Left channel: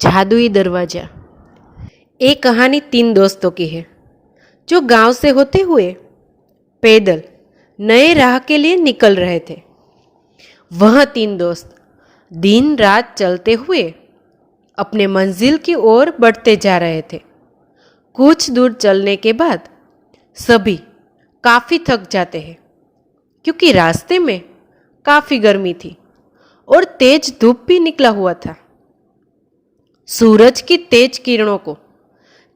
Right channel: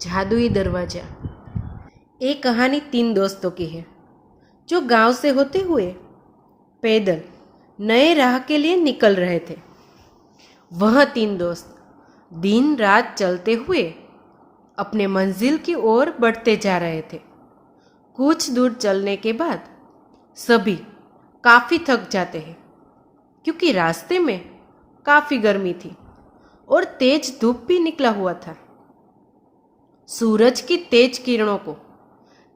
जादुई दरवाजा। एक कहानी तीन दोस्तों की है जो गांव से होते हुए पैदल नए राह के लिए निकल रहे थे। वह तीन दोस्त दिन रात चलते हुए अपने मंजिल की ओर बढ़ते जा रहे थे। कुछ दूर चलने के बाद सभी काफी थक जाते हैं क्योंकि रास्ते में काफी गर्मी थी और तेज धूप भी निकला हुआ था। सूरज की तेज किरणों को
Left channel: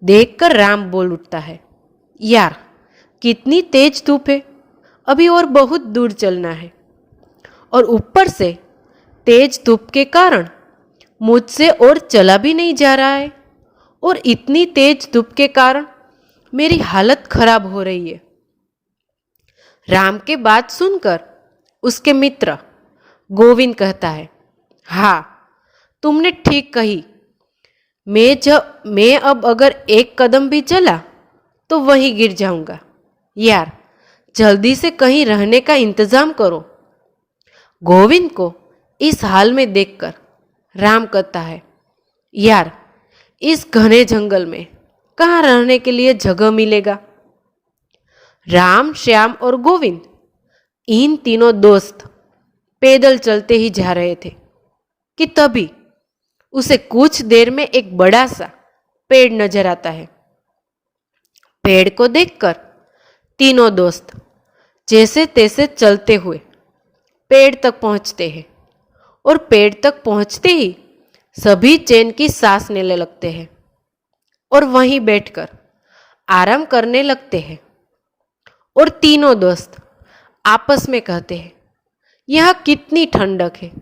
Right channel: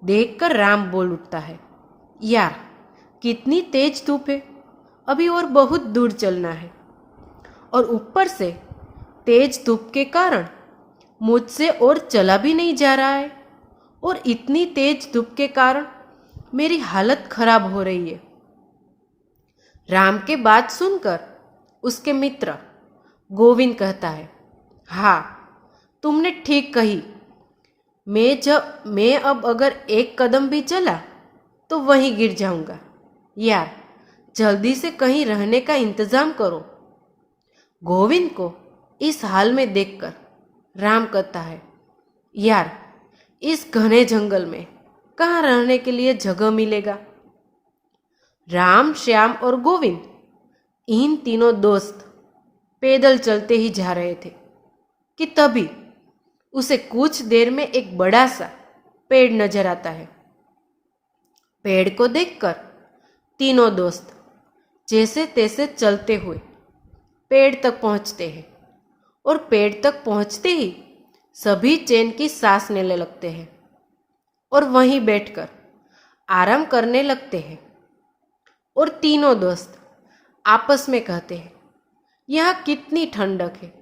देखकर राम बोल उठता है, यार कितनी तेज धूप है, अभी और बहुत दूर चलना है। और ऊपर से तेज धूप के कारण मुझसे और चला भी नहीं जा रहा है और इतनी तेज धूप के कारण मेरी हालत खराब हो रही है। राम के बात सुनकर उसके मित्र गोविंद कहता है, हाँ तुमने ठीक कही। मैं अब अगर एक कदम भी चला तो वहीं गिर जाऊंगा। यार जल्दी से कहीं रहने का इंतजाम करो। गोविंद को इस हाल में देखकर राम कहता है, यार इस घने जंगल में कहाँ रहने के लिए जगह मिलेगा। राम, श्याम और गोविंद इन तीनों दोस्त पैदल चलते ही जा रहे थे कि तभी उसे कुछ देर में एक बड़ा सा पेड़ नजर आता है। पेड़ को देखकर तीनों दोस्त जैसे तैसे चलते हुए पेड़ तक पहुंचते हैं और पेड़ तक पहुंचते ही सभी चैन की सांस लेने लगते हैं और वहीं बैठकर आराम करने लगते हैं। और तीनों दोस्त आपस में कहते हैं, यह कितनी ठंडक है,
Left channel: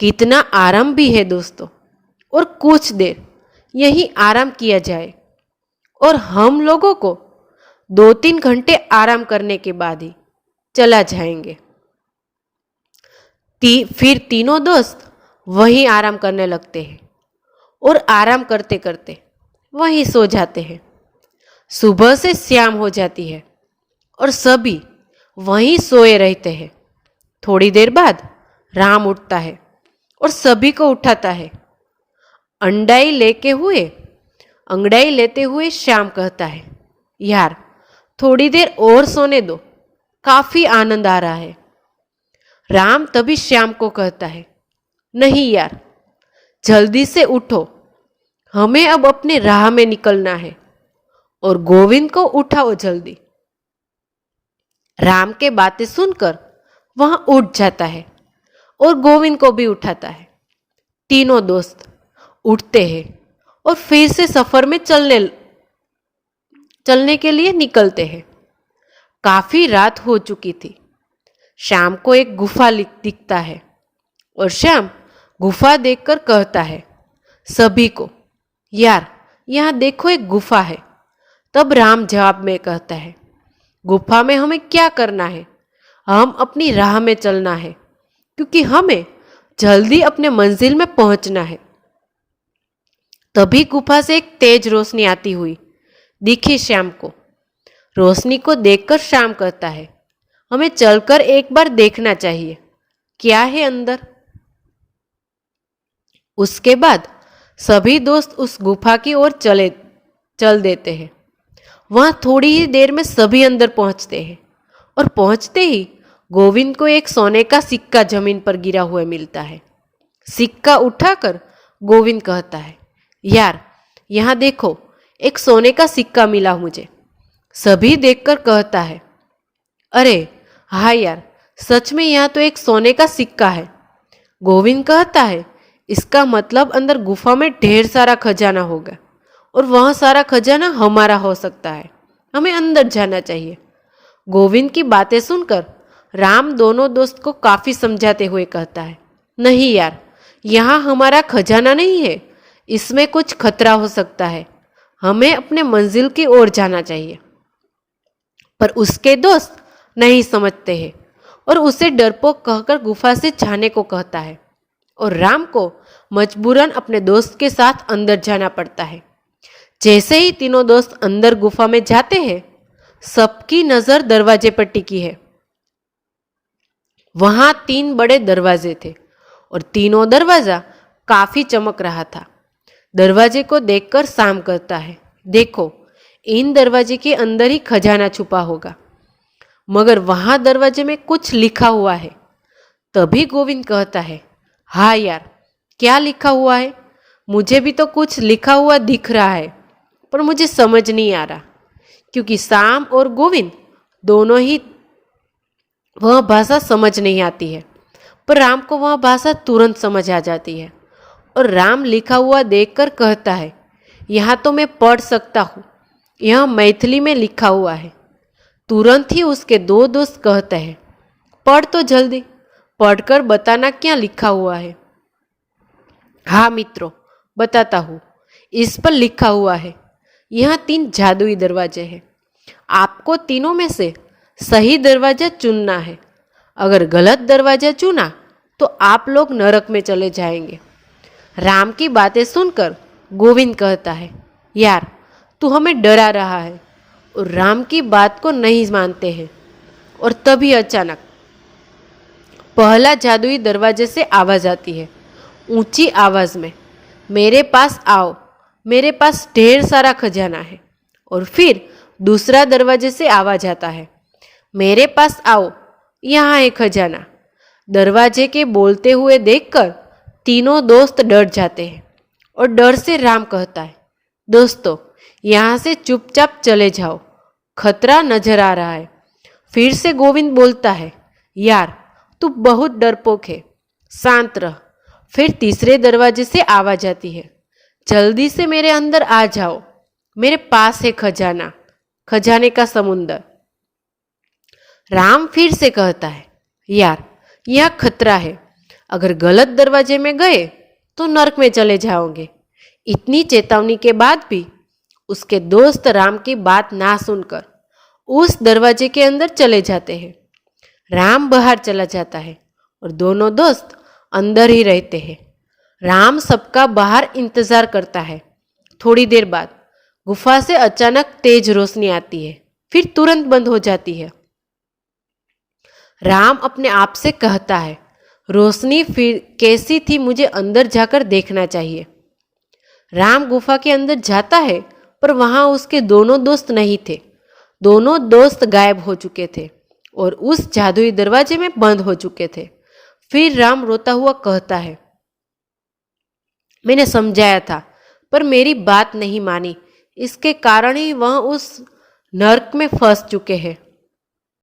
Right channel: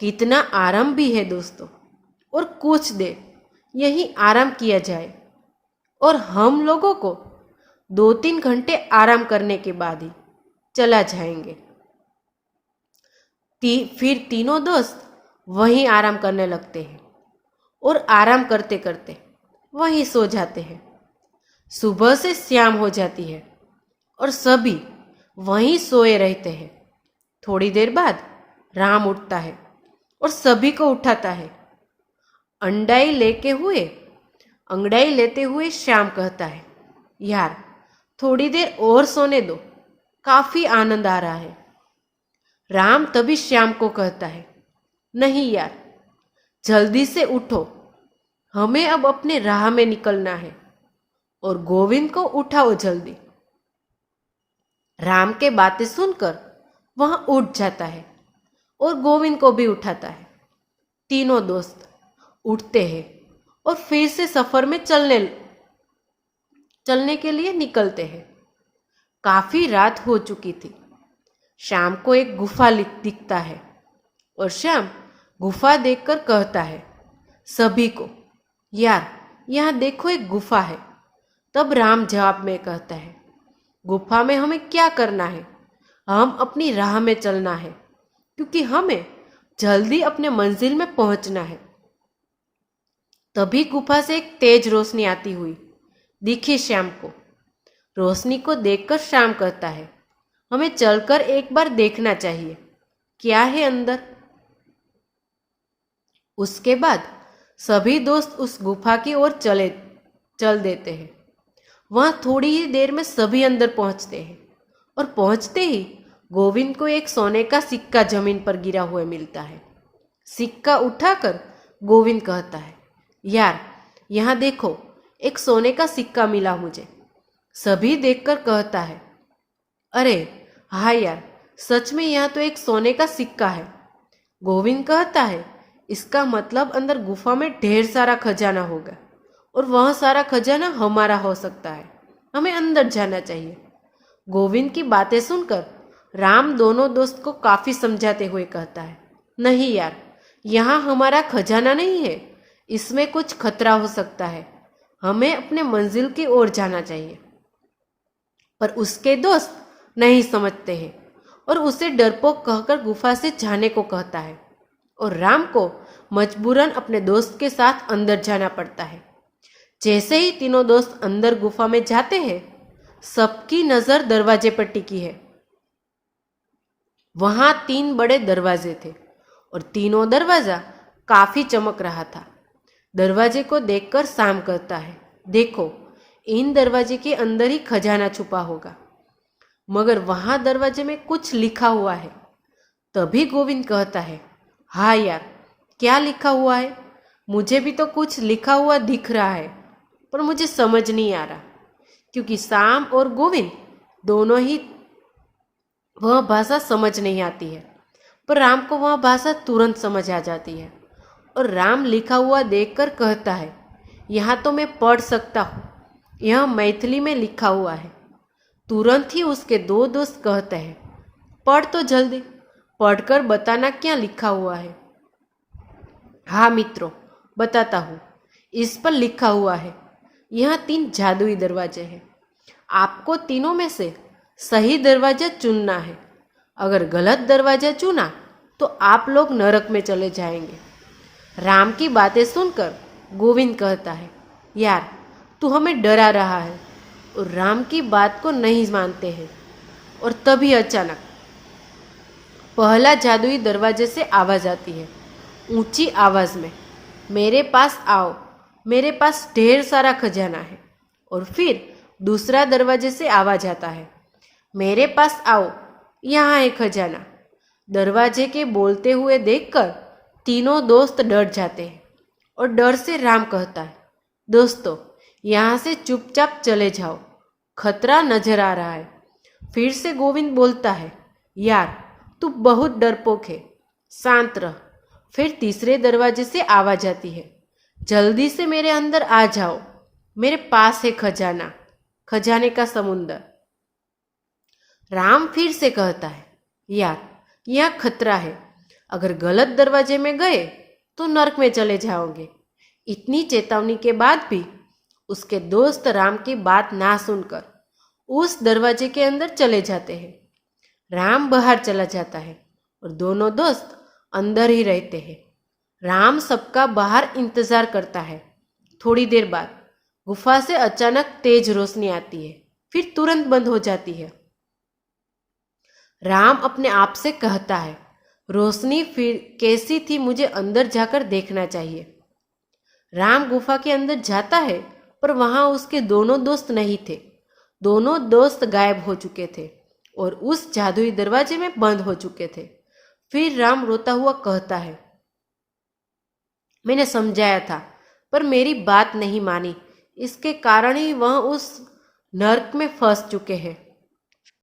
कितना आराम भी है दोस्तों, और कुछ देर यहीं आराम किया जाए और हम लोगों को 2-3 घंटे आराम करने के बाद ही चला जाएंगे। फिर तीनों दोस्त वहीं आराम करने लगते हैं और आराम करते करते वहीं सो जाते हैं। सुबह से शाम हो जाती है और सभी वहीं सोए रहते हैं। थोड़ी देर बाद राम उठता है और सभी को उठाता है। अंगड़ाई लेते हुए श्याम कहता है, यार थोड़ी देर और सोने दो, काफी आनंद आ रहा है। राम तभी श्याम को कहता है, नहीं यार जल्दी से उठो, हमें अब अपने राह में निकलना है। और गोविंद को उठाओ जल्दी। राम के बातें सुनकर वह उठ जाता है और गोविंद को भी उठाता है। तीनों दोस्त उठते हैं और फिर से सफर में चलने के लिए निकलते हैं। काफी रात हो चुकी थी। शाम को एक गुफा दिखता है और श्याम गुफा देखकर कहता है सभी को, यार यहाँ देखो एक गुफा है। तब राम जवाब में कहता है, गुफा में हमें क्या करना है, हम अपनी राह में चलना है क्योंकि हमें जल्दी अपने मंजिल में पहुंचना है। तभी गुफा से एक तेज रोशनी आती हुई दिखी श्याम को। रोशनी को देखकर श्याम कहता है, हमें चलकर एक बार देखना चाहिए क्या है अंदर। उसके बाद सभी दोस्त उस गुफा की ओर चल देते हैं। वहां थोड़ी ही देर में सभी अंदर पहुंचते हैं और पहुंचते ही गोविंद को एक सोने का सिक्का जमीन पर गिरा हुआ मिलता है। सिक्का उठाकर गोविंद कहता है, यार यहाँ देखो एक सोने का सिक्का मिला मुझे। सभी देखकर कहता है, अरे हाँ यार सच में यहाँ तो एक सोने का सिक्का है। गोविंद कहता है, इसका मतलब अंदर गुफा में ढेर सारा खजाना होगा और वह सारा खजाना हमारा हो सकता है, हमें अंदर जाना चाहिए। गोविंद की बातें सुनकर राम दोनों दोस्त को काफी समझाते हुए कहता है, नहीं यार यहाँ हमारा खजाना नहीं है, इसमें कुछ खतरा हो सकता है, हमें अपने मंजिल की ओर जाना चाहिए। पर उसके दोस्त नहीं समझते हैं और उसे डरपोक कहकर गुफा से जाने को कहता है और राम को मजबूरन अपने दोस्त के साथ अंदर जाना पड़ता है। जैसे ही तीनों दोस्त अंदर गुफा में जाते हैं, सबकी नजर दरवाजे पर टिकी है। वहां 3 बड़े दरवाजे थे और तीनों दरवाजा काफी चमक रहा था। दरवाजे को देखकर शाम कहता है, देखो, इन दरवाजे के अंदर ही खजाना छुपा होगा, मगर वहां दरवाजे में कुछ लिखा हुआ है। तभी गोविंद कहता है, हाँ यार, क्या लिखा हुआ है? मुझे भी तो कुछ लिखा हुआ दिख रहा है, पर मुझे समझ नहीं आ रहा, क्योंकि शाम और गोविंद दोनों ही वह भाषा समझ नहीं आती है, पर राम को वह भाषा तुरंत समझ आ जाती है। और राम लिखा हुआ देखकर कहता है, यहाँ तो मैं पढ़ सकता हूँ, यह मैथिली में लिखा हुआ है। तुरंत ही उसके दो दोस्त कहते हैं, पढ़ तो जल्दी, पढ़कर बताना क्या लिखा हुआ है। हाँ मित्रों, बताता हूँ। इस पर लिखा हुआ है, यह 3 जादुई दरवाजे हैं। आपको तीनों में से सही दरवाजा चुनना है। अगर गलत दरवाजा चुना तो आप लोग नरक में चले जाएंगे। राम की बातें सुनकर गोविंद कहता है, यार, तू हमें डरा रहा है। और राम की बात को नहीं मानते हैं। और तभी अचानक पहला जादुई दरवाजे से आवाज आती है, ऊंची आवाज में, मेरे पास आओ, मेरे पास ढेर सारा खजाना है। और फिर दूसरा दरवाजे से आवाज आता है, मेरे पास आओ, यहाँ है खजाना। दरवाजे के बोलते हुए देखकर तीनों दोस्त डर जाते हैं। और डर से राम कहता है, दोस्तों, यहाँ से चुपचाप चले जाओ, खतरा नजर आ रहा है। फिर से गोविंद बोलता है, यार, तू बहुत डरपोक है, शांत रह। फिर तीसरे दरवाजे से आवाज आती है, जल्दी से मेरे अंदर आ जाओ, मेरे पास है खजाना, खजाने का समुंदर। राम फिर से कहता है, यार, यह खतरा है, अगर गलत दरवाजे में गए तो नरक में चले जाओगे। इतनी चेतावनी के बाद भी उसके दोस्त राम की बात ना सुनकर उस दरवाजे के अंदर चले जाते हैं। राम बाहर चला जाता है और दोनों दोस्त अंदर ही रहते हैं। राम सबका बाहर इंतजार करता है। थोड़ी देर बाद गुफा से अचानक तेज रोशनी आती है, फिर तुरंत बंद हो जाती है। राम अपने आप से कहता है, रोशनी फिर कैसी थी, मुझे अंदर जाकर देखना चाहिए। राम गुफा के अंदर जाता है, पर वहां उसके दोनों दोस्त नहीं थे। दोनों दोस्त गायब हो चुके थे और उस जादुई दरवाजे में बंद हो चुके थे। फिर राम रोता हुआ कहता है, मैंने समझाया था, पर मेरी बात नहीं मानी, इसके कारण ही वह उस नर्क में फंस चुके हैं।